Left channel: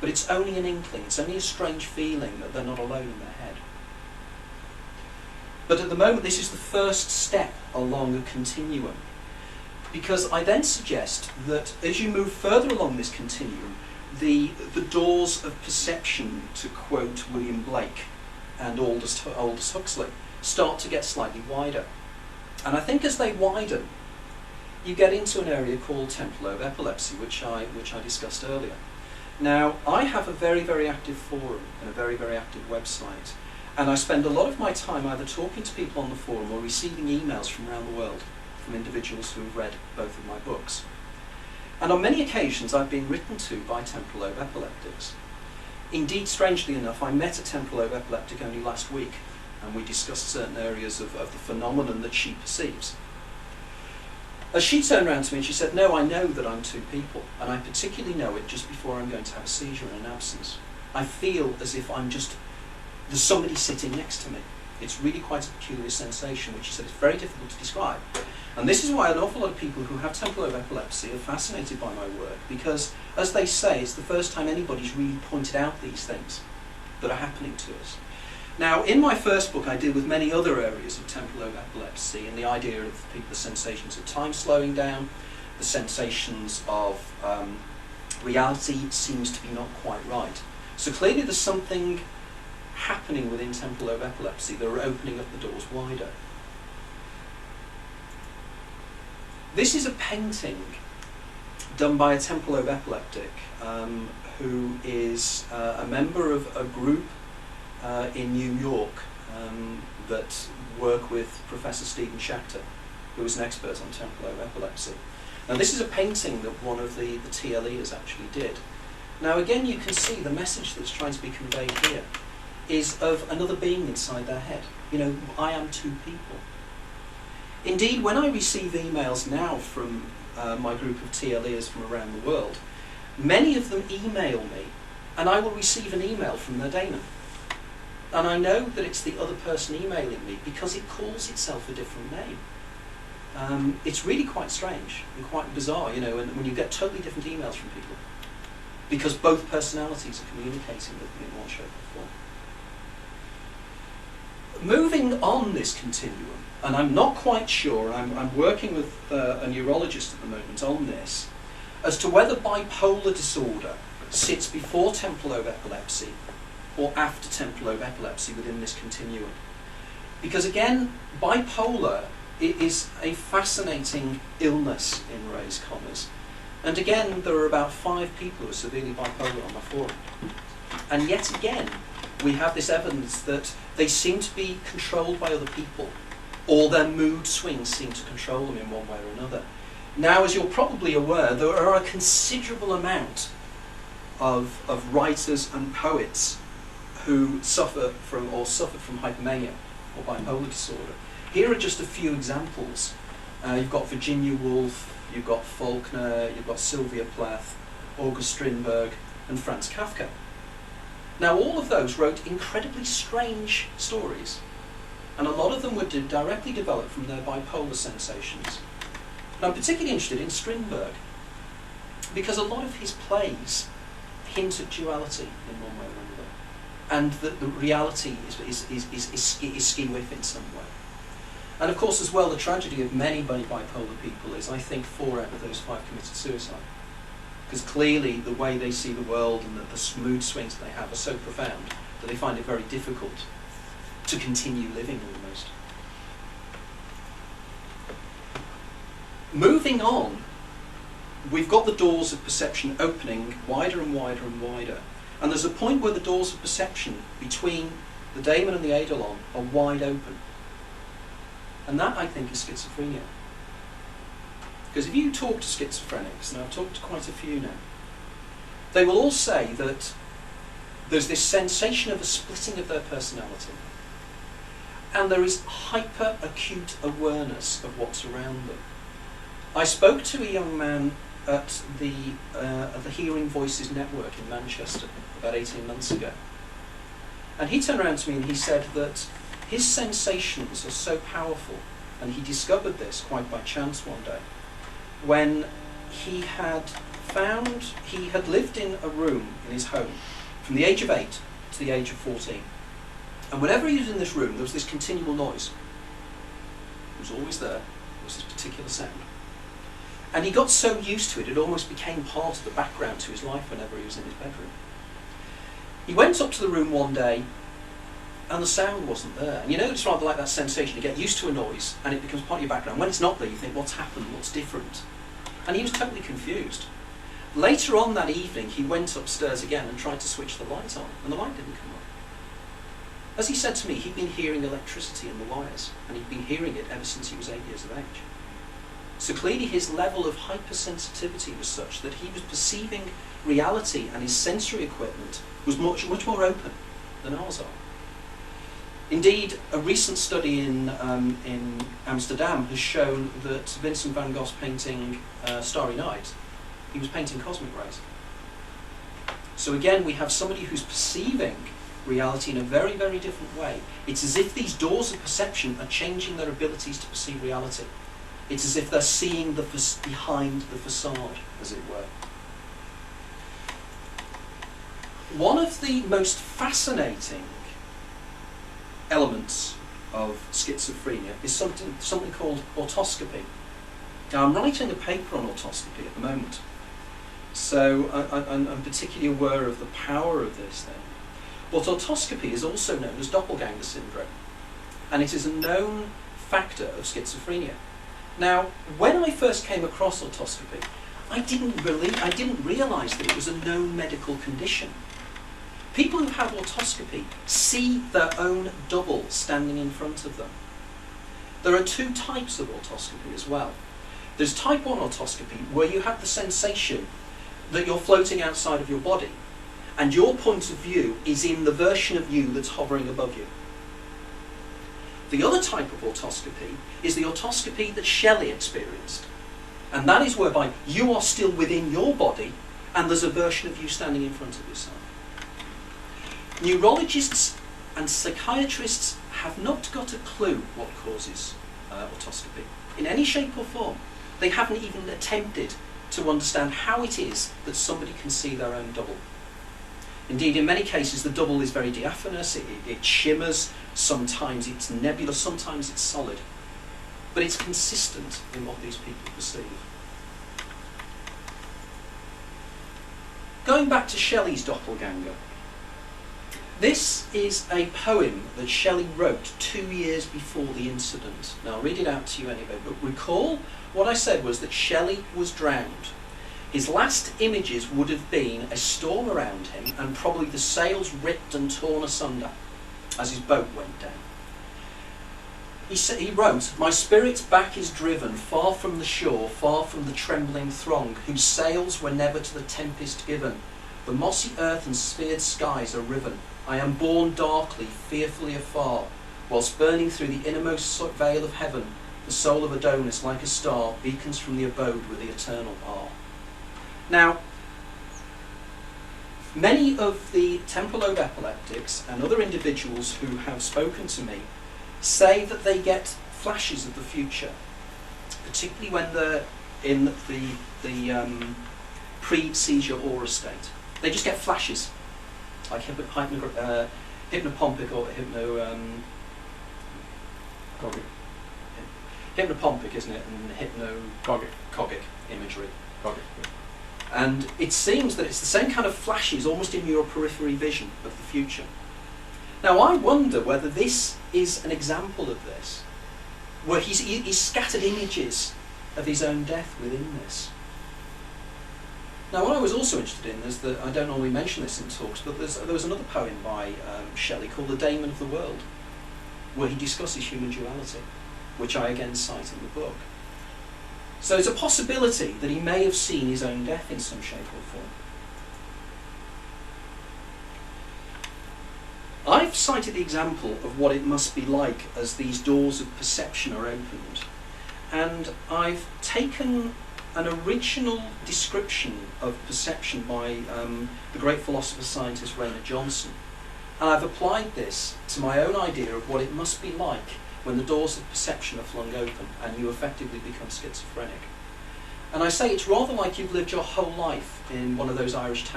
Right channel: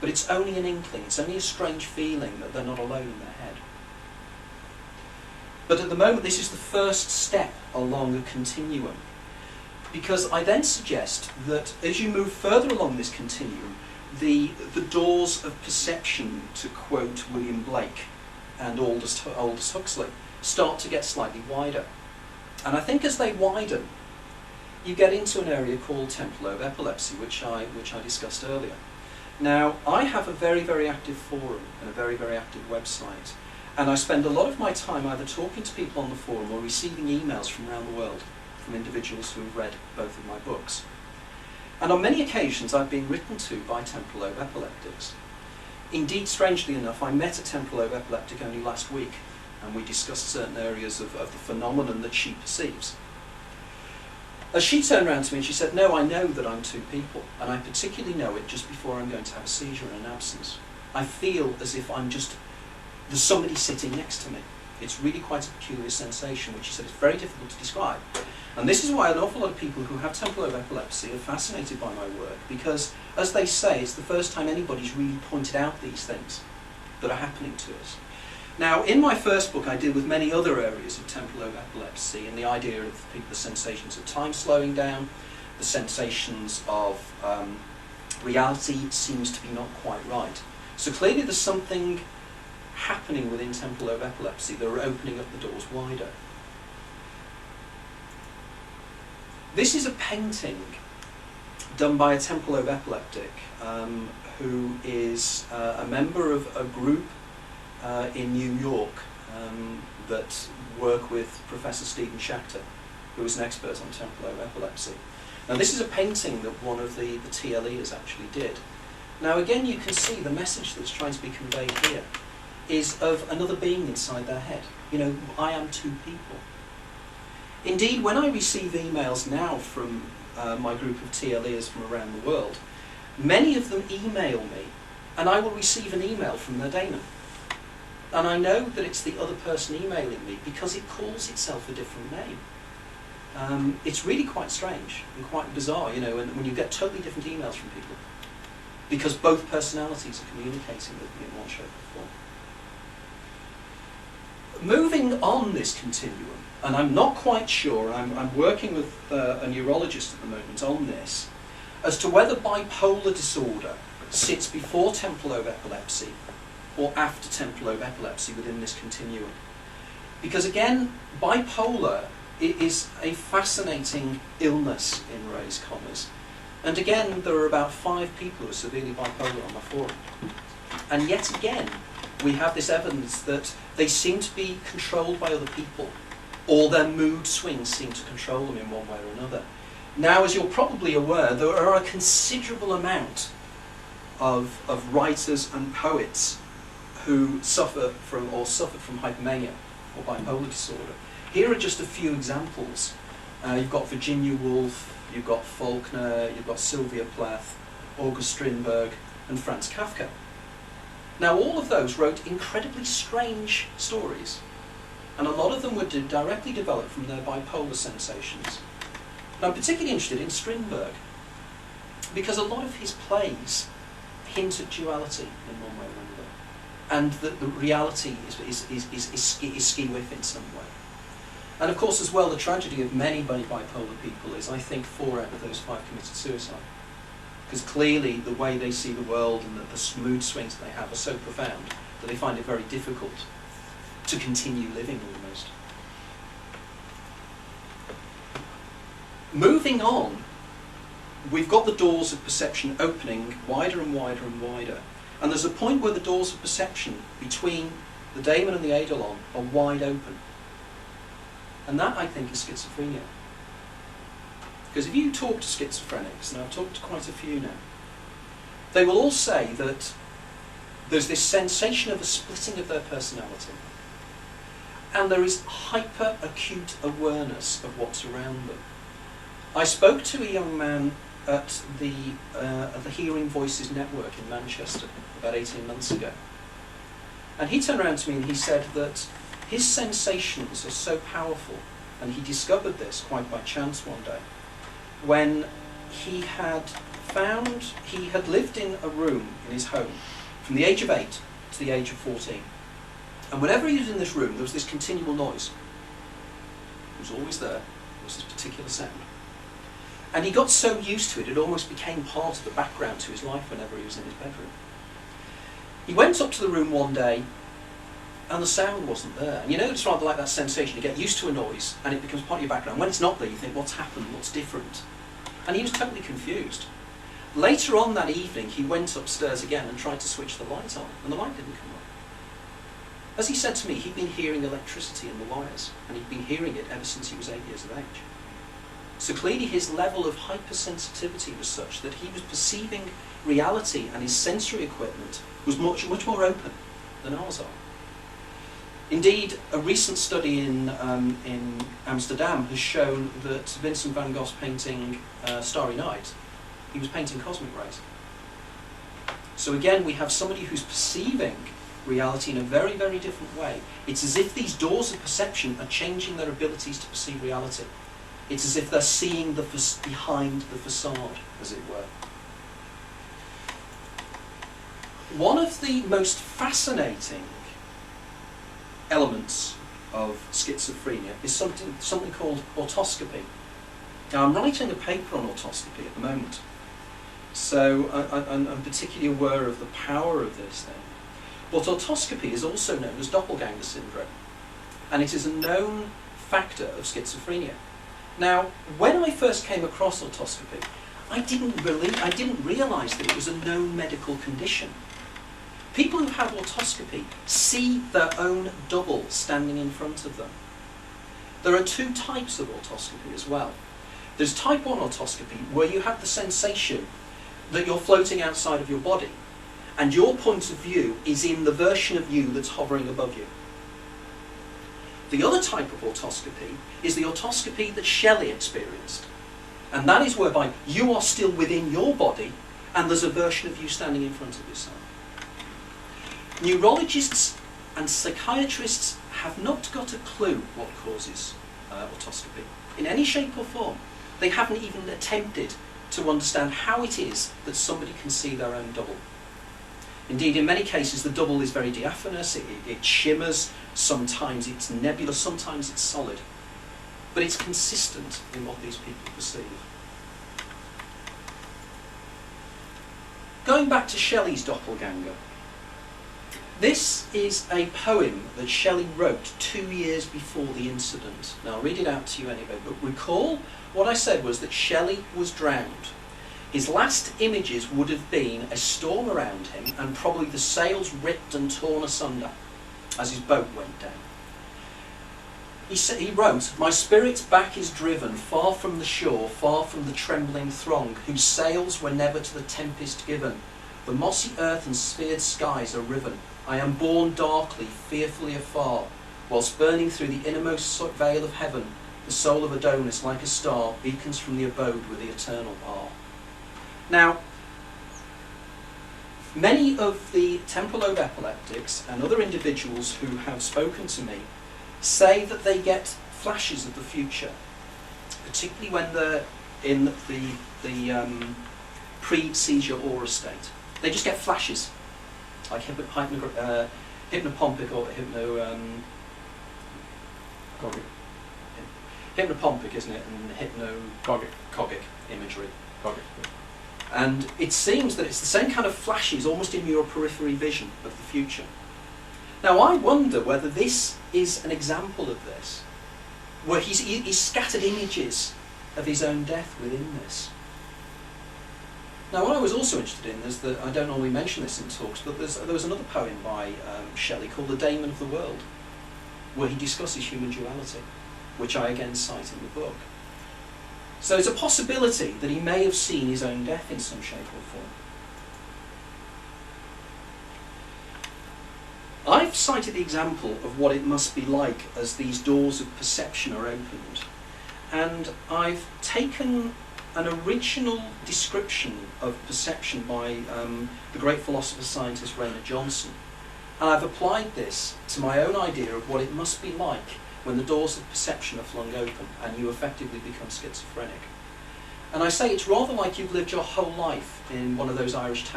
But it's only an inkling, it's only a strange feeling that they're not alone in their head. But at the moment, this is the first step along a continuum. Because I then suggest that as you move further along this continuum, the doors of perception, to quote William Blake and Aldous Huxley, start to get slightly wider. And I think as they widen, you get into an area called temporal lobe epilepsy, which I discussed earlier. Now, I have a very, very active forum and a very, very active website, and I spend a lot of my time either talking to people on the forum or receiving emails from around the world, from individuals who have read both of my books. And on many occasions I've been written to by temporal lobe epileptics. Indeed, strangely enough, I met a temporal lobe epileptic only last week, and we discussed certain areas of the phenomenon that she perceives. As she turned around to me and she said, "No, I know that I'm two people, and I particularly know it just before I'm going to have a seizure in an absence. I feel as if there's somebody sitting next to me. It's really quite a peculiar sensation," which she said is very difficult to describe. And this is why an awful lot of people who have temporal lobe epilepsy are fascinated by my work, because, as they say, it's the first time anybody's really pointed out these things that are happening to us. Now, in my first book, I deal with many other areas of temporal lobe epilepsy, and the idea of the sensations of time slowing down, the sensations of reality seems to be not quite right. So clearly there's something happening within temporal lobe epilepsy that are opening up the doors wider. This is a painting done by a temporal lobe epileptic who is a member of a group in New York that work with Professor Stephen Schachter, who is an expert on temporal lobe epilepsy. Now, this is a painting that one of the TLEs actually did. Now, again, you can see the message that's trying to be conveyed here is of another being inside their head. You know, I am two people. Indeed, when I receive emails now from my group of TLEs from around the world, many of them email me, and I will receive an email from their Daemon. And I know that it's the other person emailing me because it calls itself a different name. It's really quite strange and quite bizarre, you know, when you get totally different emails from people, because both personalities are communicating with me in one shape or form. Moving on this continuum, and I'm not quite sure, I'm working with a neurologist at the moment on this, as to whether bipolar disorder sits before temporal lobe epilepsy or after temporal lobe epilepsy within this continuum. Because again, bipolar is a fascinating illness, in raised commas. And again, there are about 5 people who are severely bipolar on my forum. And yet again, we have this evidence that they seem to be controlled by other people, or their mood swings seem to control them in one way or another. Now, as you're probably aware, there are a considerable amount of writers and poets who suffered from hypomania or bipolar disorder. Here are just a few examples. You've got Virginia Woolf, you've got Faulkner, you've got Sylvia Plath, August Strindberg, and Franz Kafka. Now, all of those wrote incredibly strange stories, and a lot of them were directly developed from their bipolar sensations. And I'm particularly interested in Strindberg, because a lot of his plays hint at duality in one way or another, and that the reality is skew-if in some way. And of course, as well, the tragedy of many bipolar people is, I think, 4 out of those 5 committed suicide. Because clearly the way they see the world and the mood swings that they have are so profound that they find it very difficult to continue living almost. Moving on, we've got the doors of perception opening wider and wider and wider. And there's a point where the doors of perception between the Daemon and the Eidolon are wide open. And that, I think, is schizophrenia. Because if you talk to schizophrenics, and I've talked to quite a few now, they will all say that there's this sensation of a splitting of their personality. And there is hyper-acute awareness of what's around them. I spoke to a young man at the Hearing Voices Network in Manchester about 18 months ago. And he turned around to me and he said that his sensations are so powerful, and he discovered this quite by chance one day, when he had found he had lived in a room in his home from the age of 8 to the age of 14. And whenever he was in this room, there was this continual noise. It was always there. There was this particular sound. And he got so used to it, it almost became part of the background to his life whenever he was in his bedroom. He went up to the room one day, and the sound wasn't there. And you know, it's rather like that sensation. You get used to a noise, and it becomes part of your background. When it's not there, you think, what's happened? What's different? And he was totally confused. Later on that evening, he went upstairs again and tried to switch the light on, and the light didn't come on. As he said to me, he'd been hearing electricity in the wires, and he'd been hearing it ever since he was 8 years of age. So clearly his level of hypersensitivity was such that he was perceiving reality, and his sensory equipment was much more open than ours are. Indeed, a recent study in Amsterdam has shown that Vincent van Gogh's painting Starry Night, he was painting cosmic rays. So again, we have somebody who's perceiving reality in a very, very different way. It's as if these doors of perception are changing their abilities to perceive reality. It's as if they're seeing behind the facade, as it were. One of the most fascinating elements of schizophrenia is something called autoscopy. Now, I'm writing a paper on autoscopy at the moment, so I'm particularly aware of the power of this thing. But autoscopy is also known as doppelganger syndrome, and it is a known factor of schizophrenia. Now, when I first came across autoscopy, I didn't realise that it was a known medical condition. People who have autoscopy see their own double standing in front of them. There are 2 types of autoscopy as well. There's type 1 autoscopy, where you have the sensation that you're floating outside of your body, and your point of view is in the version of you that's hovering above you. The other type of autoscopy is the autoscopy that Shelley experienced, and that is whereby you are still within your body and there's a version of you standing in front of yourself. Neurologists and psychiatrists have not got a clue what causes autoscopy in any shape or form. They haven't even attempted to understand how it is that somebody can see their own double. Indeed, in many cases, the double is very diaphanous, it shimmers, sometimes it's nebulous, sometimes it's solid. But it's consistent in what these people perceive. Going back to Shelley's doppelganger, this is a poem that Shelley wrote 2 years before the incident. Now, I'll read it out to you anyway, but recall what I said was that Shelley was drowned. His last images would have been a storm around him and probably the sails ripped and torn asunder as his boat went down. He wrote, "My spirit's back is driven, far from the shore, far from the trembling throng, whose sails were never to the tempest given. The mossy earth and sphered skies are riven. I am borne darkly, fearfully afar, whilst burning through the innermost veil of heaven, the soul of Adonis, like a star, beacons from the abode where the eternal are." Now, many of the temporal lobe epileptics and other individuals who have spoken to me say that they get flashes of the future, particularly when they're in the pre-seizure aura state. They just get flashes, like hypnopompic or hypnopompic, isn't it, and hypnagogic imagery. And it seems that it's the same kind of flashes, almost in your periphery vision of the future. Now, I wonder whether this is an example of this, where he's scattered images of his own death within this. Now, what I was also interested in is that, I don't normally mention this in talks, but there was another poem by Shelley called The Daemon of the World, where he discusses human duality, which I again cite in the book. So it's a possibility that he may have seen his own death in some shape or form. I've cited the example of what it must be like as these doors of perception are opened, and I've taken an original description of perception by the great philosopher-scientist Raynor Johnson, and I've applied this to my own idea of what it must be like when the doors of perception are flung open and you effectively become schizophrenic. And I say it's rather like you've lived your whole life in one of those Irish towns.